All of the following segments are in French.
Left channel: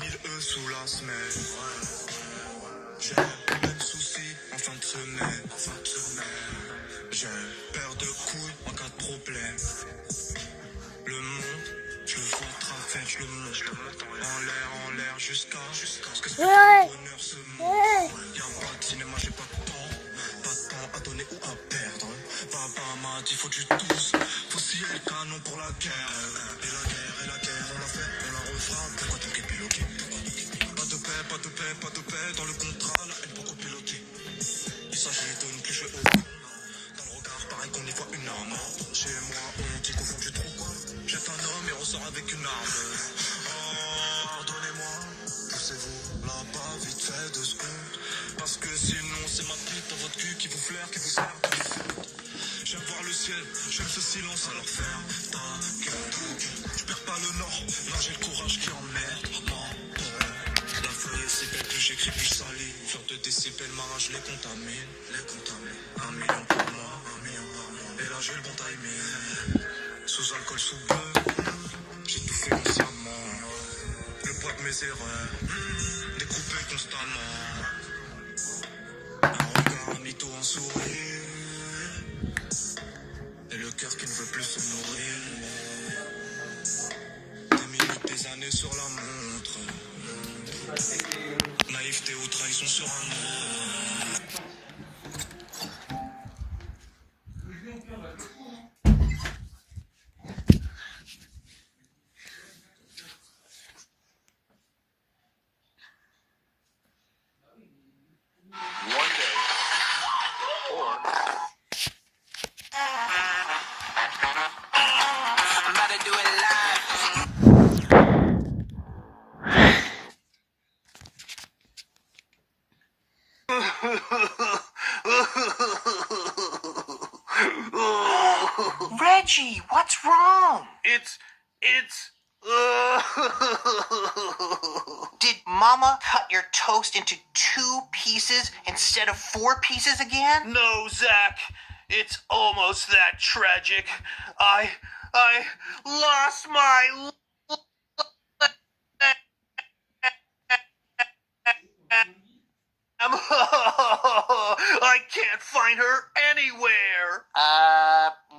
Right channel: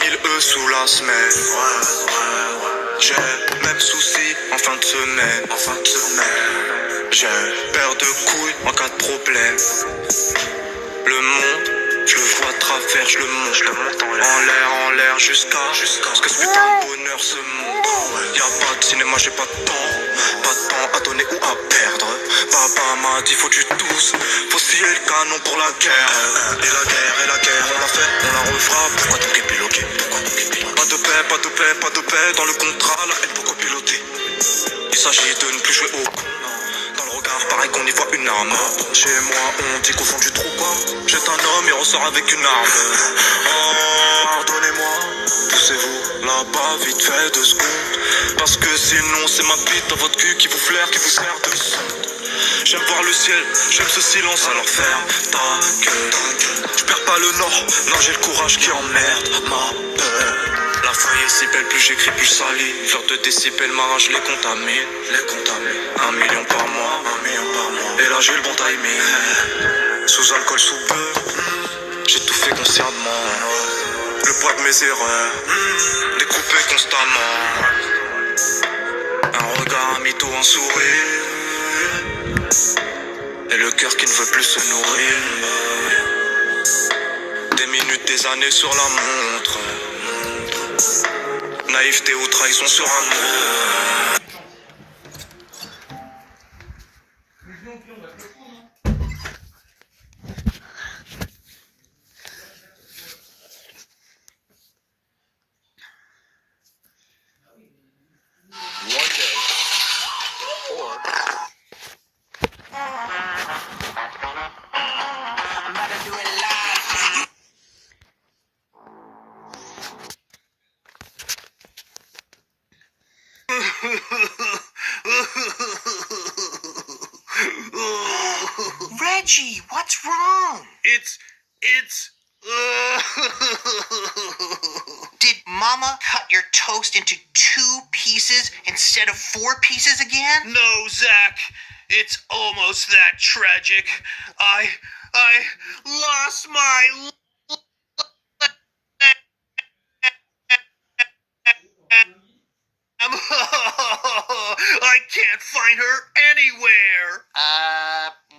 1000 E sous la semaine. J'ai même souci en fin de semaine. J'ai paire de couilles en cas de problème. Le monde, je le vois de travers, je le monte en l'air jusqu'à ce que ce putain de bonheur se monte. Y'a pas de cinéma, j'ai pas de temps à donner ou à perdre. Papa m'a dit faut du douce, faut scier le canon pour la guerre. Et la guerre, on l'a fait, on la refera. Pourquoi donc épiloguer? Pas de paix dans le contrat, la haine pour copiloter. Il s'agit de ne plus jouer au con. Dans le regard, pareil qu'on y voit une arme. Chez moi, on dit qu'au fond du trou, quoi. Jette un homme et ressort avec une arme. Oh, pardonnez-moi, poussez-vous là-bas, vite fait 2 secondes. Parce que sinon, c'est ma bite dans votre cul qui vous flaire, qui vous sert de sonde. J'aime voir le ciel, j'aime ce silence, alors ferme ta gueule. Je perds pas le nord, non, j'ai le courage qui emmerde ma peur. La feuille est si belle, plus j'écris, plus ça salive. 2 décibels, ma rage les contamine. 1 million par mois, et là j'ai le bon timing. Sous alcool, sous peu, j'ai tout fait consciemment. Le poids de mes erreurs, découpé constamment. Un regard, un mytho, un sourire. Et le cœur qui ne veut plus se nourrir. Des minutes, des années sur la montre. Naïveté ou trahison sur un mot. Reggie, what's wrong? It's Did Mama cut your toast into 2 pieces instead of 4 pieces again? No, Zach. It's almost that tragic. I lost my I can't find her anywhere.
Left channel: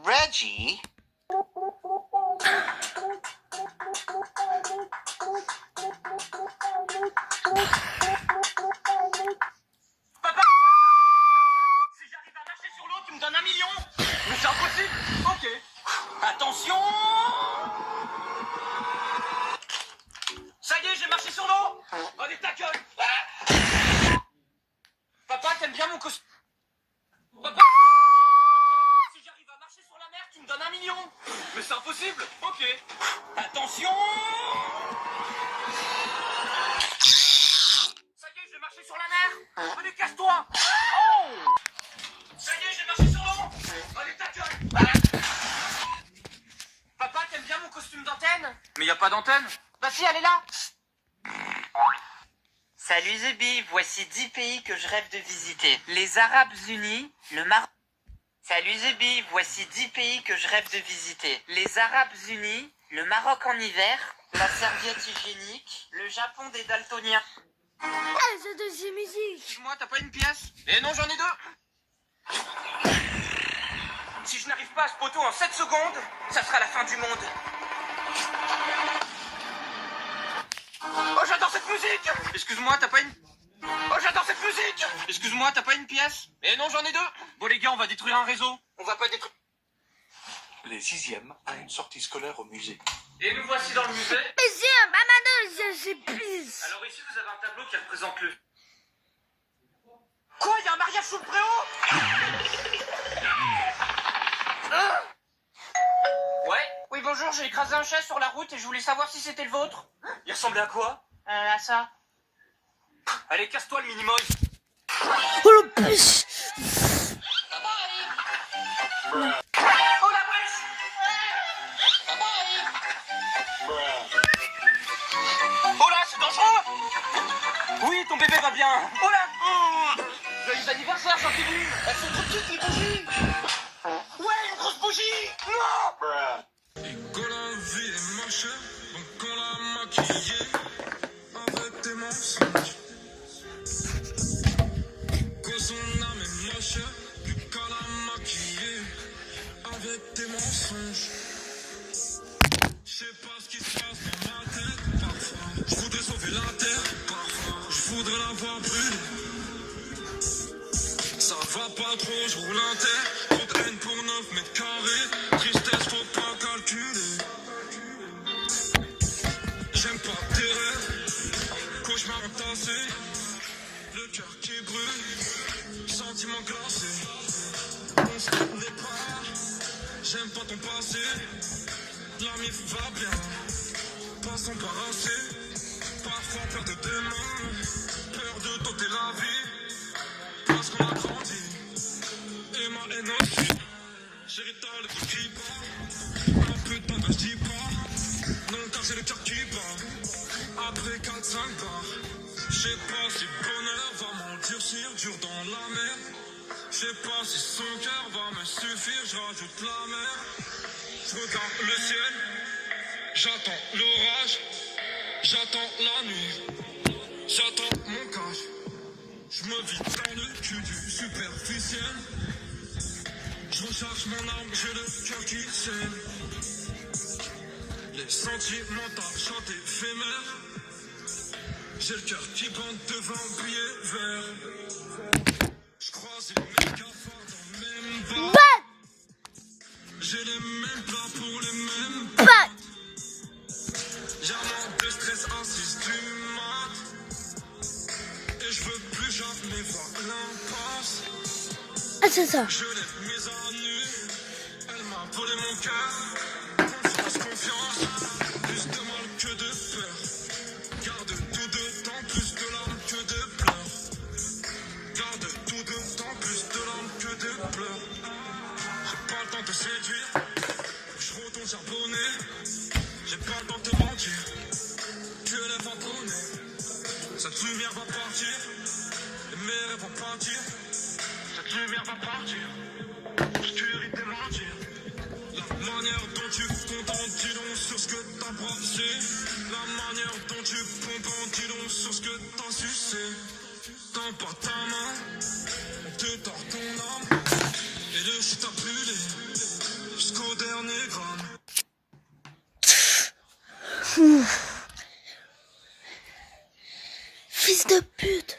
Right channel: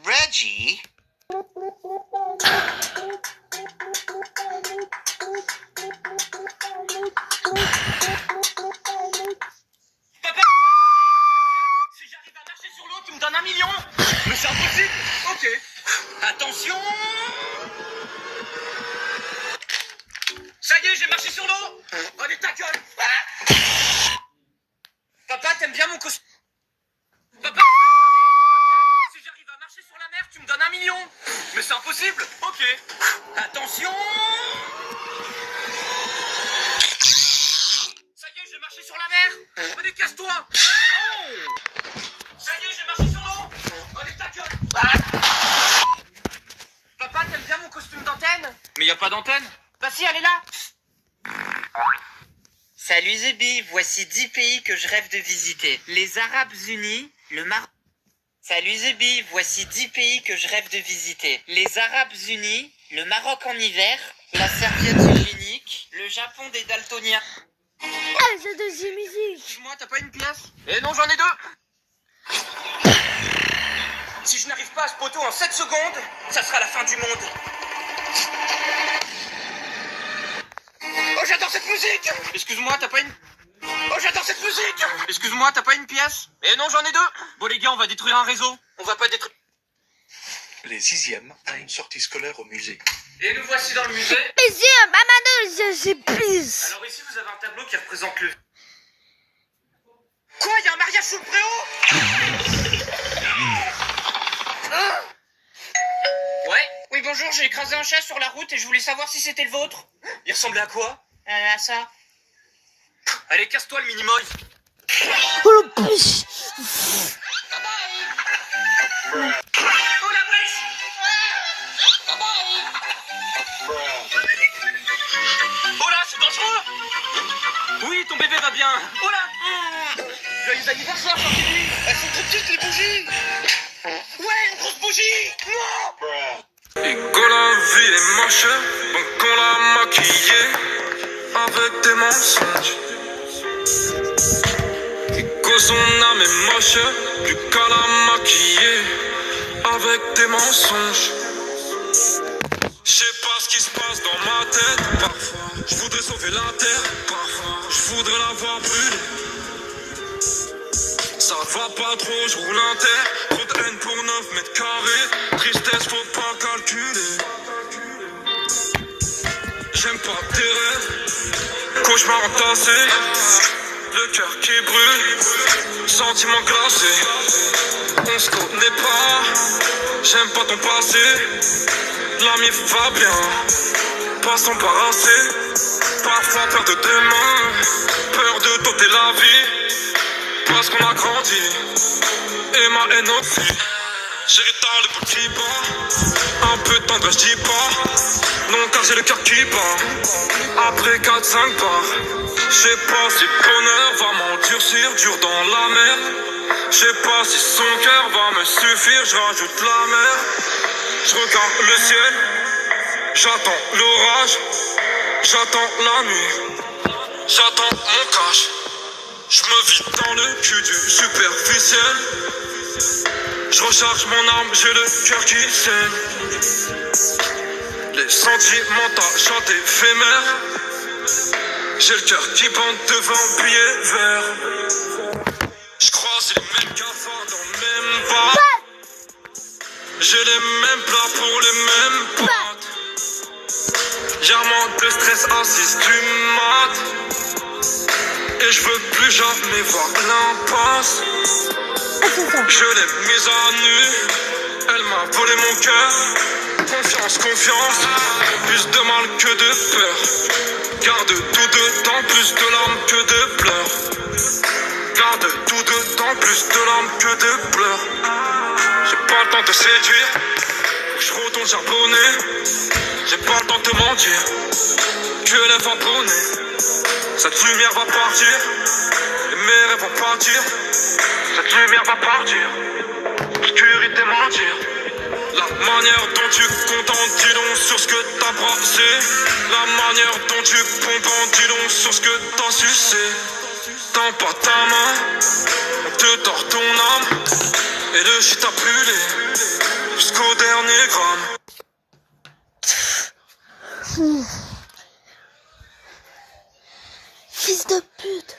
Reggie? Papa, si j'arrive à marcher sur l'eau, tu me donnes 1 million. Mais c'est impossible. Ok. Attention. Ça y est, j'ai marché sur l'eau. Allez, ta gueule. Ah. Papa, t'aimes bien mon costume? Papa, si j'arrive à marcher sur la mer, tu me donnes 1 million. Mais c'est impossible. Ok. Attention. Ça y est, j'ai marché sur la mer. Allez, casse-toi. Oh. Ça y est, j'ai marché sur l'eau. Allez, ta gueule. Ah. Papa, t'aimes bien mon costume d'antenne? Mais y a pas d'antenne. Bah si, elle est là. Salut Zubi, voici 10 pays que je rêve de visiter. Les Arabes Unis, le Maroc. Salut Zubi, voici 10 pays que je rêve de visiter. Les Arabes Unis, le Maroc en hiver, la serviette hygiénique, le Japon des daltoniens. C'est de musique. Excuse-moi, t'as pas une pièce? Eh non, j'en ai 2. Si je n'arrive pas à ce poteau en 7 secondes, ça sera la fin du monde. Oh, j'adore cette musique! Excuse-moi, t'as pas une... Oh, j'adore cette musique! Excuse-moi, t'as pas une pièce? Eh non, j'en ai 2. Bon, les gars, on va détruire un réseau. On va pas détruire... Les 6e à une sortie scolaire au musée. Et nous voici dans le musée. Monsieur, maman, je plus. Alors ici, vous avez un tableau qui représente le... Quoi? Y'a un mariage sous le préau? Ouais? Oui, bonjour, j'ai écrasé un chat sur la route et je voulais savoir si c'était le vôtre. Il ressemblait à quoi? À ça. Allez, casse-toi le minimoy. Oh le puce. Oh la wesh! Oh là, c'est dangereux! Oui, ton bébé va bien. Oh là! Joyeux anniversaire, Chantilly! Elles sont trop petites les bougies! Ouais, une grosse bougie! Non! Et quand la ville est moche, donc on l'a maquillée. mensonges. Que son âme est moche, plus qu'à la maquiller avec des mensonges. Je sais pas ce qui se passe dans ma tête. Parfois, je voudrais sauver la terre. Parfois, je voudrais la voir brûler. Ça va pas trop, je roule un terre. Trop de haine pour 9 mètres carrés. Tristesse, faut pas calculer. J'aime pas tes rêves. Cauchemar entassé. Le cœur qui brûle. Sentiment glacé. On se connaît pas. J'aime pas ton passé. L'ami va bien. Pas s'embarrasser. Parfois peur de demain. Peur de doter la vie. Parce qu'on a grandi. Et ma haine aussi. J'hérite le bout qui bat. Un peu de tendresse, je dis pas. Non, car j'ai le cœur qui bat. Après 4-5 pas. Je sais pas si le bonheur va m'endurcir, dur dans la mer. Je sais pas si son cœur va me suffire, je rajoute la mer. Je regarde le ciel. J'attends l'orage. J'attends la nuit. J'attends mon cash. Je me vide dans le cul du superficiel. Je recharge mon arme, j'ai le cœur qui saigne. Les sentiments tachent éphémères. J'ai le cœur qui bande devant billet vert. Je croise les mêmes cafards dans le même bar. J'ai les mêmes plats pour les mêmes boîtes. Y'a moins de stress à 6 du mat. Et je veux plus jamais voir l'impasse. Je l'ai mise à nu. Elle m'a volé mon cœur. Confiance, confiance. Plus de mal que de peur. Garde tout de temps, plus de larmes que de pleurs. Garde tout de temps, plus de larmes que de pleurs. J'ai pas le temps de te séduire. Faut que je retourne charbonner. J'ai pas le temps de te mentir. Que les vents abonnés. Cette lumière va partir. Et mes rêves vont partir. Cette lumière va partir. Obscurité mentir. La manière dont tu comptes en dis long sur ce que t'as brassé. La manière dont tu pompes en dis long sur ce que t'as sucé. Tends pas ta main, on te tord ton âme. Et le shit a brûlé jusqu'au dernier gramme. Fils de pute.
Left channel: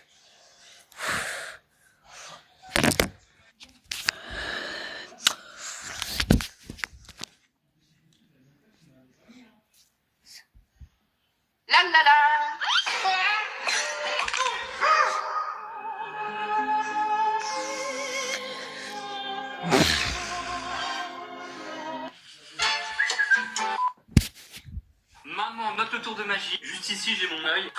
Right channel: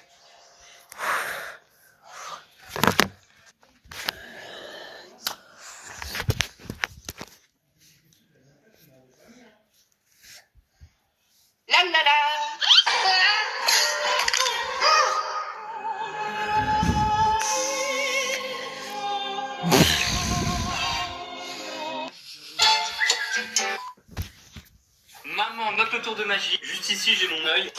La la la. Maman, note le tour de magie. Juste ici, j'ai mon œil.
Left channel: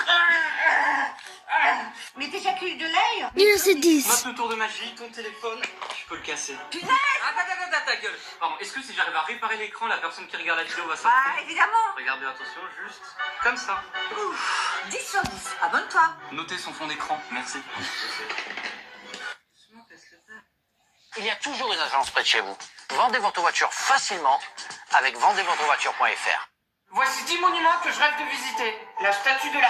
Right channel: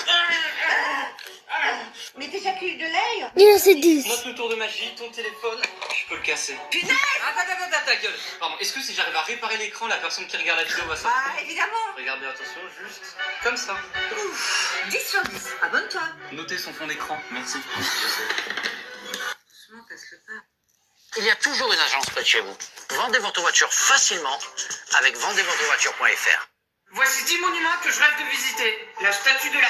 Mais t'éjacules de l'œil? Il en sait 10. Note le tour de magie, ton téléphone, je peux le casser. Punaise! Attends, ta gueule. Pardon, est-ce que si j'arrive à réparer l'écran, la personne qui regarde la vidéo va s'en Ah, évidemment! Regardez, attention, juste comme ça. Ouf, 10 sur 10, abonne-toi! Notez son fond d'écran, merci. Il y a toujours une agence près de chez vous. Vendez votre voiture facilement avec vendezvotrevoiture.fr. Voici 10 monuments que je rêve de visiter. La statue de la...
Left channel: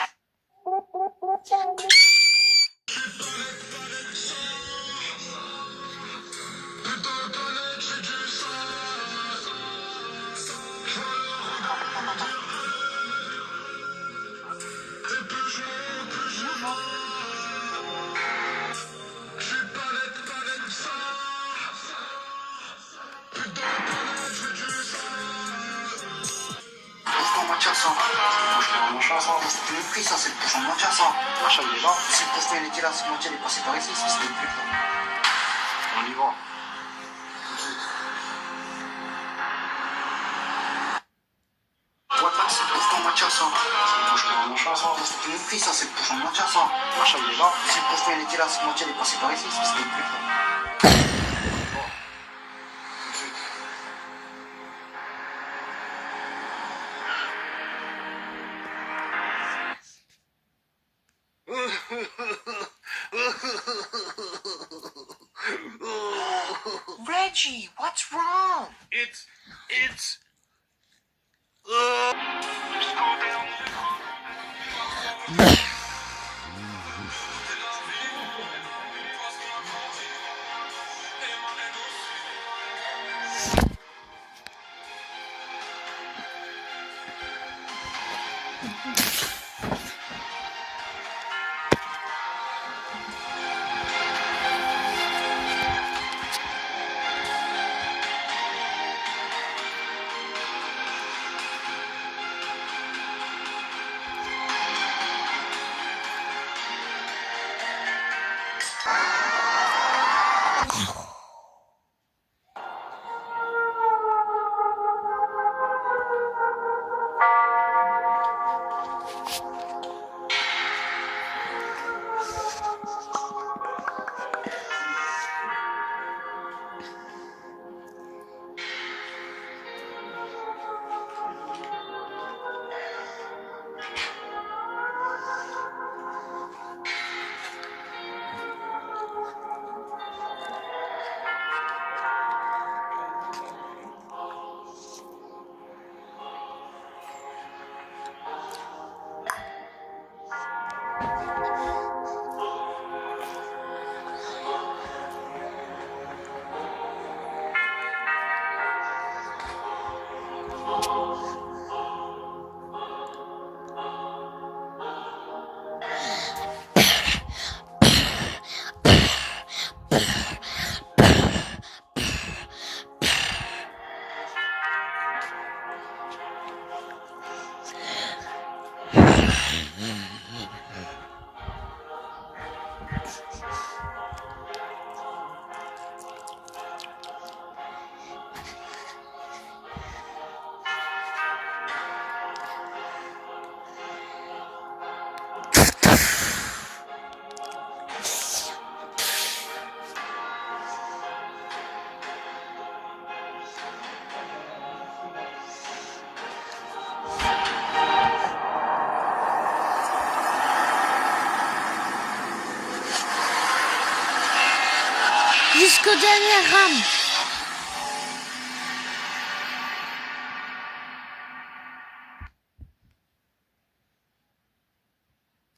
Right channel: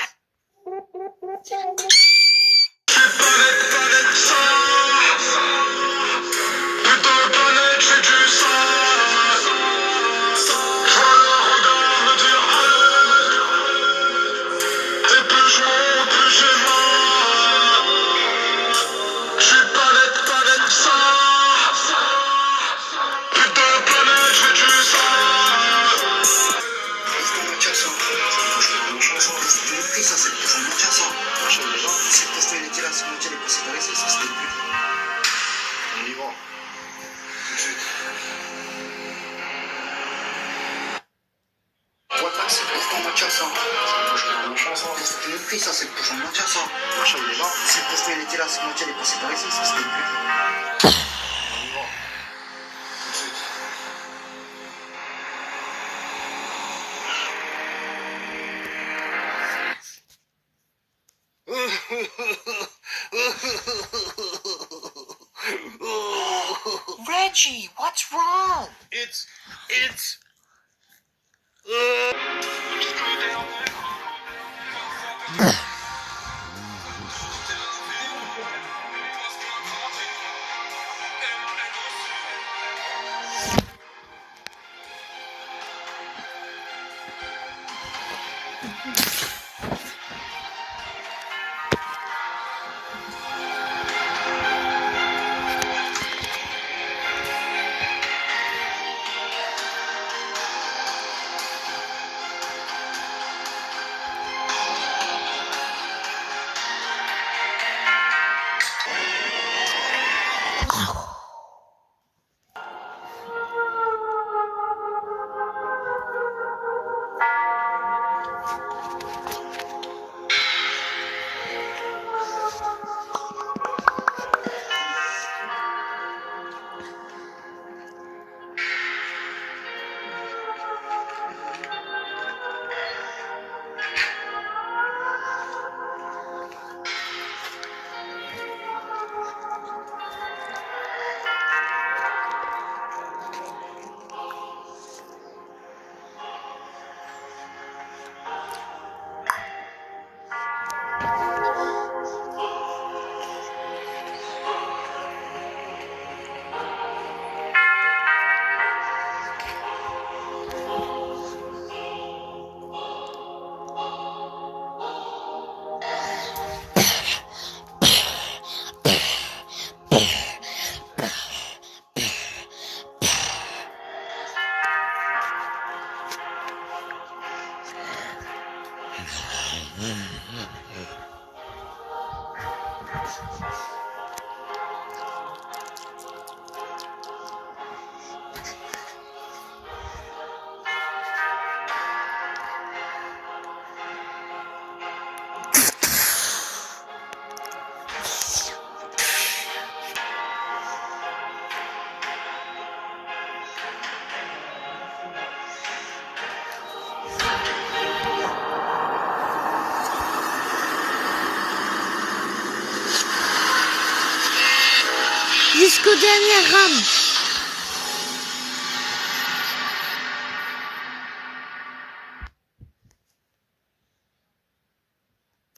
Ça, c'est pour mentir ça. Machin, les gens, si le poste était là, ce moitié est passé par ici, ça c'était plus. On y va. Ouais, c'est pour mentir ça. Je prends mon chance, c'était une prise, ça, c'est pour mentir ça. Machin, les gens, si le poste était là, ce moitié est passé par ici, ça c'était plus. Reggie, what's wrong? It's Jusqu'au dernier rame.